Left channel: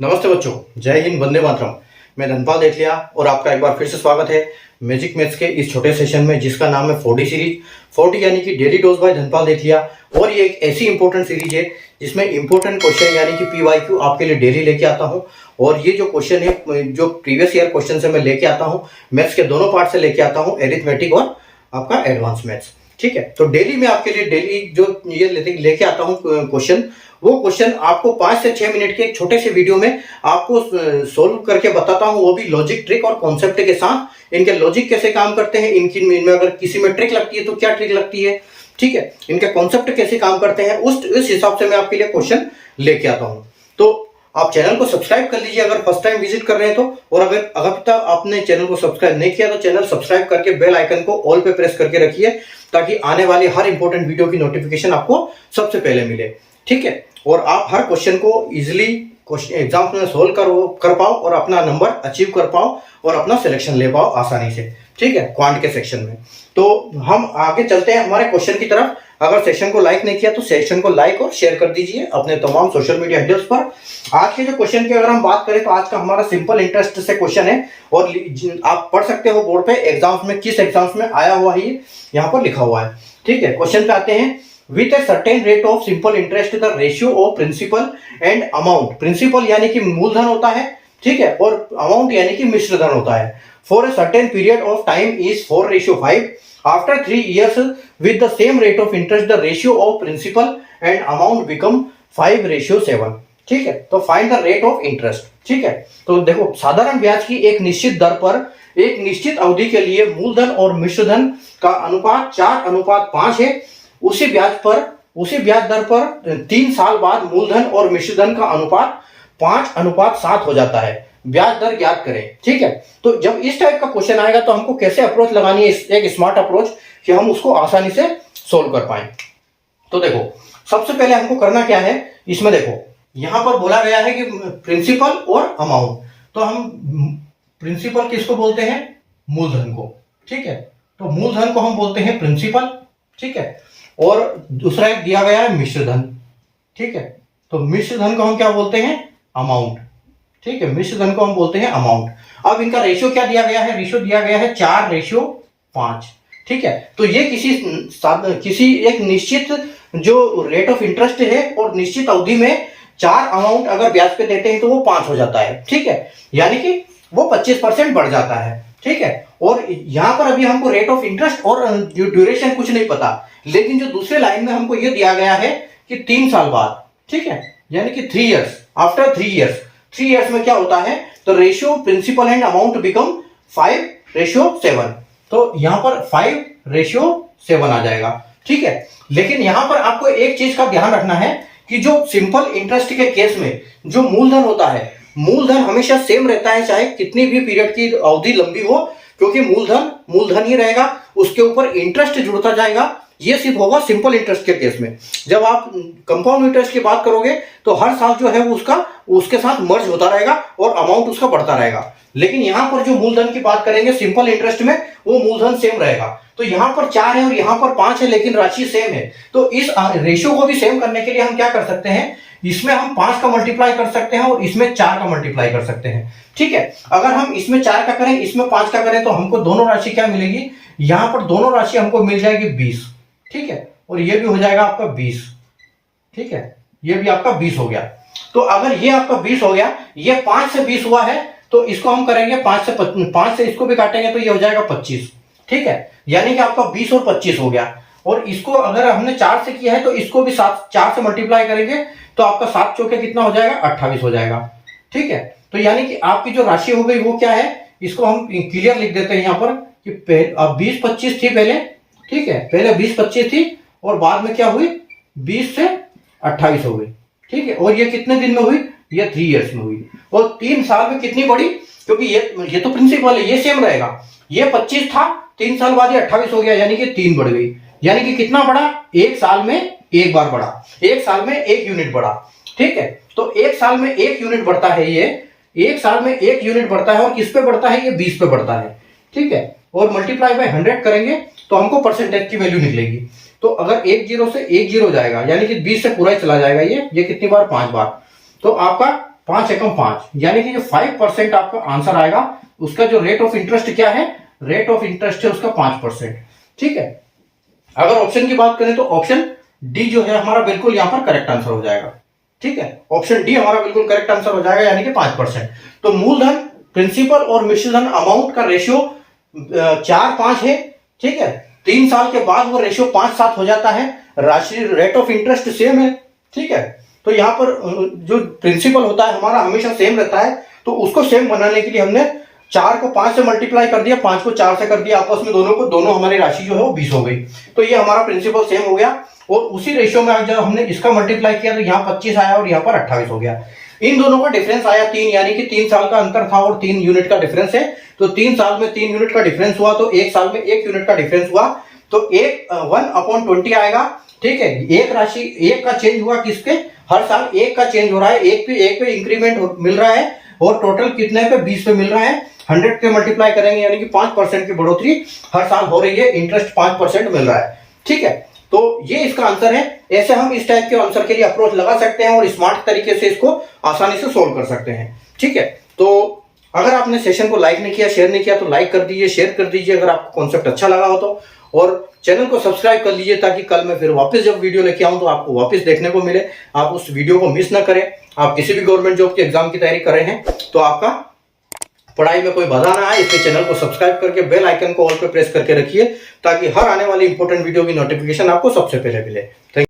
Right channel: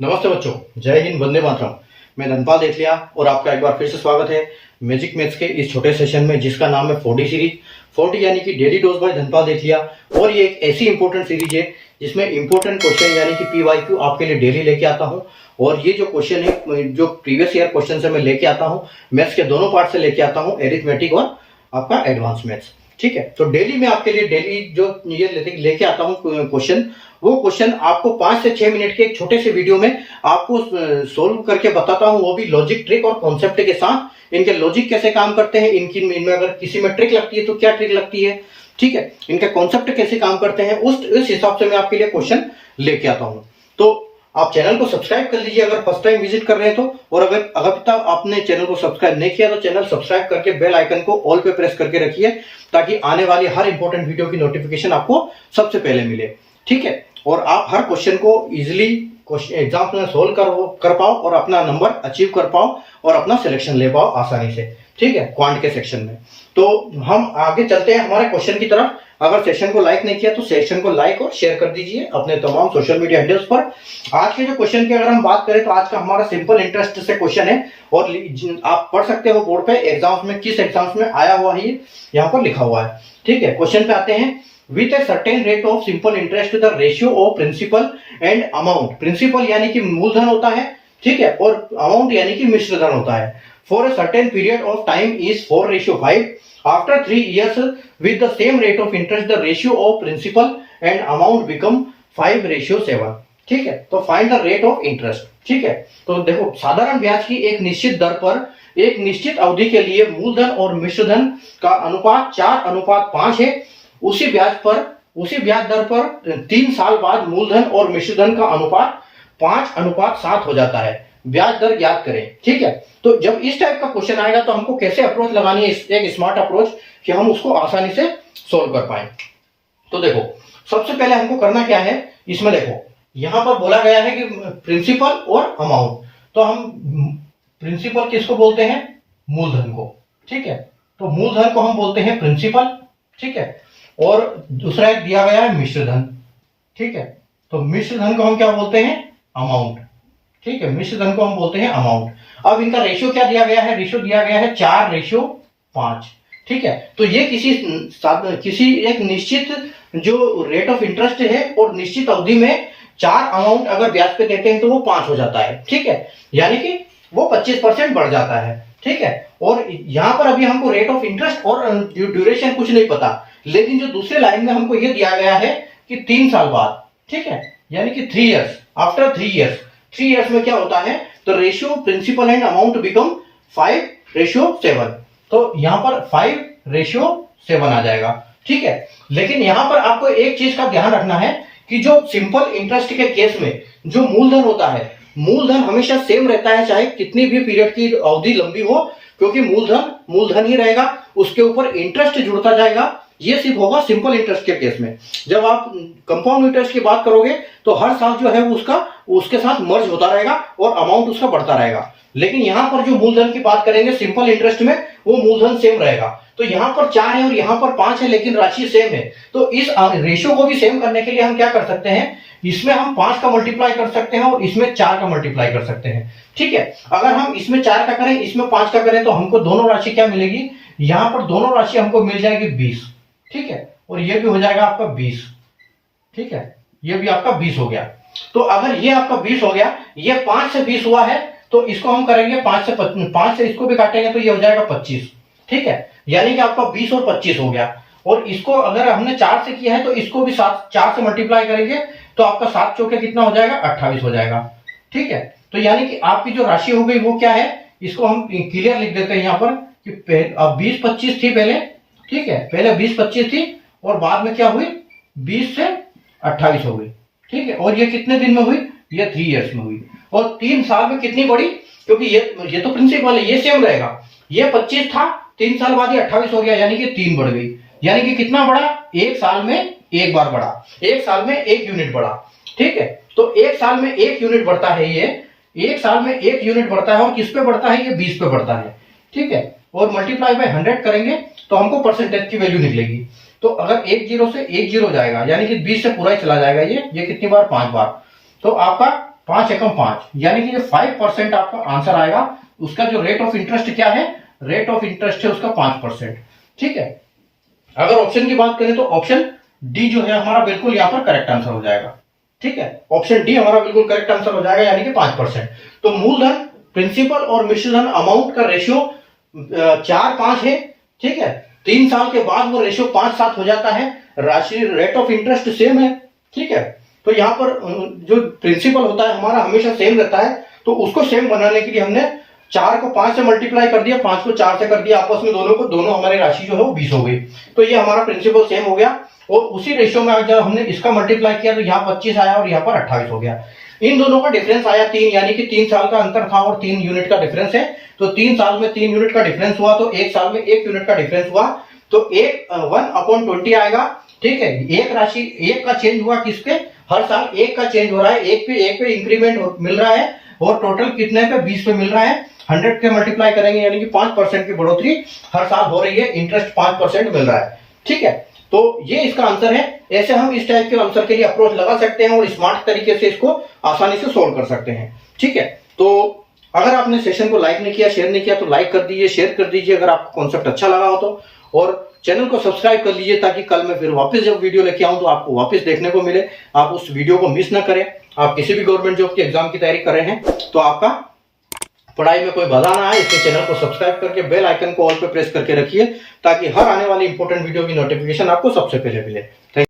नमस्ते बच्चों, जय हिंद, वंदे मातरम। मैं धनपाल देथलिया और आपका एक बार फिर से स्वागत है मैजिक मैथ्स के इस छोटे सेशन में जिसका नाम है 4D सीरीज। 4D यानी कि डेली डोज बाय धनपाल देथलिया। और ये एक ऐसी इंपॉर्टेंट सीरीज है जिसमें इंपॉर्टेंट क्वेश्चन यानी कि PYQ आपके लिए डेली लेके आता हूँ। और ये जो क्वेश्चन है, जो प्रीवियस ईयर क्वेश्चन से मैं लेके आता हूँ, मैथ्स के दोनों पार्ट से लेके आता हूँ, एरिथमेटिक और आपका एडवांस मैथ्स। ठीक है, तो डेली में आपके लिए डेली जो ये लेके आता हूँ क्वेश्चन, वो क्वेश्चन आपको 5 से 6 मिनट के एक छोटे से वीडियो में आपको सोल्व करके बताता हूँ, वो भी लॉजिक, ट्रिक और कॉन्सेप्ट के साथ। इनके लॉजिक कैसे काम करते हैं, इनमें अगर किसी में ट्रिक लगती है तो क्या ट्रिक लगती है, ठीक है, इनके कॉन्सेप्ट कैसे काम करते हैं, उस हिसाब से मैं आपके लिए क्वेश्चन लेके आता हूँ। तो आप चैनल को सब्सक्राइब कर लीजिए अगर फर्स्ट टाइम विजिट कर रहे हैं तो। और अगर तक आपने चैनल को सब्सक्राइब नहीं किया तो चैनल सब्सक्राइब करके बेल आइकन को ऑल पे प्रेस करके रखिए, ताकि आने वाली हर इंपॉर्टेंट वीडियो की नोटिफिकेशन आपको सबसे पहले मिले। ठीक है, और आप हर क्वेश्चन को इजीली एग्जाम में सोल्व कर पाओ और अपना नंबर अचीव कर पाओ और अपना सिलेक्शन ले पाओ आसानी से। ठीक है, क्वांट के सेक्शन में। तो हम आगे चलते हैं हमारे क्वेश्चन की तरफ। अगर सेशन को लाइक नहीं किया तो सेशन को लाइक और शेयर कर दीजिए अपने तमाम सोशल मीडिया हैंडल्स पर। आज के जो क्वेश्चन की अगर हम बात करें तो आज का हमारा सिंपल इंटरेस्ट से क्वेश्चन है, और आप पढ़ सकते हो बोर्ड पे एग्जाम्स में, किस एग्जाम्स में आया हुआ है यहाँ पर लिखा हुआ है। ठीक है, क्वेश्चन पे आते हैं। With a certain rate of simple interest, the ratio of principal and amount, principal यानी कि मूलधन होता है, ठीक है, और amount यानी कि मिश्र धन होता है, for a certain period of time is 4:5. After 3 years with the same rate of interest, the ratio of principal and amount become 5:7. ठीक है, तो find the rate of interest. ठीक है, तो देखो, साधारण ब्याज की एक निश्चित दर पर एक निश्चित अवधि के लिए मूलधन और मिश्रधन का अनुपात 4:5 है। उसी ब्याज दर पर 3 साल बाद मूलधन और मिश्रधन का अनुपात 5:7 हो जाता है। ब्याज दर ज्ञात करें। ठीक है, तो जब इस टाइप का क्वेश्चन आएगा तो हमको कैसे अप्रोच लगानी है, एक स्मार्ट अप्रोच, कि हम उसको आसानी से सोल्व कर पाए। तो देखो, सबसे पहले हमको करना क्या है, इसमें देखो यहां पर बोला गया है कि प्रिंसिपल और अमाउंट। तो हम प्रिंसिपल किसको बोलते हैं, मूलधन को। ठीक है, तो मूलधन को हम बोलते हैं प्रिंसिपल। ठीक है, और दूसरा एक दिया गया है मिश्रधन। ठीक है, तो मिश्रधन को हम क्या बोलते हैं, अमाउंट। ठीक है, मिश्रधन को हम बोलते हैं अमाउंट। अब इनका रेशियो क्या दिया गया है, रेशियो दिया गया है 4:5। ठीक है, तो ये किसी एक निश्चित जो रेट ऑफ इंटरेस्ट है और निश्चित अवधि में 4 अमाउंट अगर ब्याज पे देते हैं तो वो 5 हो जाता है। ठीक है, यानी कि वो 25% बढ़ जाता है। ठीक है, और यहां पर अभी हमको रेट ऑफ इंटरेस्ट और ड्यूरेशन कुछ नहीं पता, लेकिन जो दूसरे लाइन में हमको ये दिया गया है कि 3 साल बाद, ठीक है, यानी कि 3 इयर्स, आफ्टर 3 इयर्स में क्या होता है, तो ratio principal and amount become 5:7। तो यहां पर 5:7 आ जाएगा। ठीक है, लेकिन यहां पर आपको एक चीज का ध्यान रखना है कि जो सिंपल इंटरेस्ट के केस में जो मूलधन होता है, मूलधन हमेशा सेम रहता है, चाहे कितनी भी पीरियड की अवधि लंबी हो, क्योंकि मूलधन ही रहेगा, उसके ऊपर इंटरेस्ट जुड़ता जाएगा। ये सिर्फ होगा सिंपल इंटरेस्ट के केस में। जब आप कंपाउंड इंटरेस्ट की बात करोगे तो हर साल जो है वो उसके साथ मर्ज होता रहेगा और अमाउंट उसका बढ़ता रहेगा। लेकिन यहां पर जो मूलधन की बात करेंगे सिंपल इंटरेस्ट में, वो मूलधन सेम रहेगा। तो यहां पर 4 है और यहां पर 5 है, लेकिन राशि सेम है। तो इस रेशियो को भी सेम करने के लिए हम क्या कर सकते हैं, इसमें हम 5 का मल्टीप्लाई कर सकते हैं और इसमें 4 का मल्टीप्लाई कर सकते हैं। ठीक है, अगर हम इसमें 4 का करें, इसमें 5 का करें, तो हमको दोनों राशि क्या मिलेगी, यहां पर दोनों राशि हमको मिल जाएगी 20। ठीक है, और ये भी हो जाएगा आपका 20। ठीक है, ये भी आपका 20 हो गया। तो अगर ये आपका 20 हो गया, ये 5 से 20 हुआ है, तो इसको हम करेंगे 5 से इसको भी काटेंगे तो ये हो जाएगा 25। ठीक है, यानी कि आपका 20 और 25 हो गया। और इसको अगर हमने 4 से किया है तो इसको भी 4 से मल्टीप्लाई करेंगे तो आपका 7 चौके कितना हो जाएगा, 28 हो जाएगा। ठीक है, तो यानी कि आपकी जो राशि हो गई वो क्या है, इसको हम क्लियर लिख देते हैं यहाँ पर कि अब 20-25 थी पहले। ठीक है, पहले 20-25 थी और बाद में क्या हुई, 20 से 28 हो गई। ठीक है, और ये कितने दिन में हुई, ये 3 इयर्स में हुई। और 3 साल में कितनी बढ़ी, क्योंकि ये तो प्रिंसिपल है, ये सेम रहेगा। ये 25 था, 3 साल बाद ये 28 हो गया, यानी कि 3 बढ़ गई। यानी कि कितना बढ़ा, 1 साल में 1 बार बढ़ा, 1 साल में 1 यूनिट बढ़ा। ठीक है, तो 1 साल में 1 यूनिट बढ़ता है, ये 1 साल में 1 यूनिट बढ़ता है। और किस पे बढ़ता है, ये 20 पे बढ़ता है। ठीक है, और मल्टीप्लाई बाय 100 करेंगे तो हमको परसेंटेज की वैल्यू निकलेगी। तो अगर 1 0 से 1 0 जाएगा, यानी कि 20 से पूरा ही चला जाएगा, ये कितनी बार, 5 बार। तो आपका 5 एकम 5, यानी कि जो 5% आपका आंसर आएगा उसका जो रेट ऑफ इंटरेस्ट क्या है, रेट ऑफ इंटरेस्ट है उसका 5%। ठीक है, अगर ऑप्शन की बात करें तो ऑप्शन डी जो है हमारा बिल्कुल यहां पर करेक्ट आंसर हो जाएगा। ठीक है, ऑप्शन डी हमारा बिल्कुल करेक्ट आंसर हो जाएगा, यानी कि 5%। तो मूलधन, प्रिंसिपल और मिश्र धन अमाउंट का रेशियो 4-5 है। ठीक है, 3 साल के बाद वो रेशियो 5-7 हो जाता है। राशि रेट ऑफ इंटरेस्ट सेम है। ठीक है, तो यहाँ पर जो प्रिंसिपल होता है हमारा हमेशा सेम रहता है, तो उसको सेम बनाने के लिए हमने 4 को 5 से मल्टीप्लाई कर दिया, 5 को 4 से कर दिया, आपस में दोनों हमारी राशि जो है वो 20 हो गई। तो ये हमारा प्रिंसिपल सेम हो गया, और उसी रेशियो में जब हमने इसका मल्टीप्लाई किया तो यहाँ 25 आया और यहाँ पर 28 हो गया। इन दोनों का डिफरेंस आया 3, यानी कि 3 साल का अंतर था और 3 यूनिट का डिफरेंस है। तो 3 साल में 3 यूनिट का डिफरेंस हुआ, तो 1 साल में 1 यूनिट का डिफरेंस हुआ, तो 1/20 आएगा। ठीक है, एक राशि 1 का चेंज हुआ, किसके, हर साल 1 का चेंज हो रहा है, 1 पे इंक्रीमेंट मिल रहा है, और टोटल कितने पे, 20 पे मिल रहा है। 100 पे मल्टीप्लाई करेंगे, यानी कि 5% की बढ़ोतरी हर साल हो रही है, इंटरेस्ट 5% मिल रहा है। ठीक है, तो ये इसका आंसर है। ऐसे हम इस टाइप के आंसर के लिए अप्रोच लगा सकते हैं और स्मार्ट तरीके से इसको आसानी से सोल्व कर सकते हैं। ठीक है, तो अगर आपने सेशन को लाइक नहीं किया, शेयर नहीं किया, तो लाइक कर दीजिए, शेयर कर दीजिए अगर आपको कॉन्सेप्ट अच्छा लगा हो तो, और चैनल को सब्सक्राइब कर लीजिए ताकि कल मैं फिर वापस जब वीडियो लेके आऊं तो आपको वापस देखने को मिले, आप उस वीडियो को मिस ना करें। आप किसी भी गवर्नमेंट जॉब के एग्जाम की तैयारी कर रहे हैं तो आपका पढ़ाई में कोई बाधा ना आए, इसलिए चैनल को सब्सक्राइब करके बेल आइकन को ऑल पे प्रेस करके रखिए ताकि हर आने वाली इंपॉर्टेंट वीडियो की नोटिफिकेशन आपको सबसे पहले मिले। Thank you.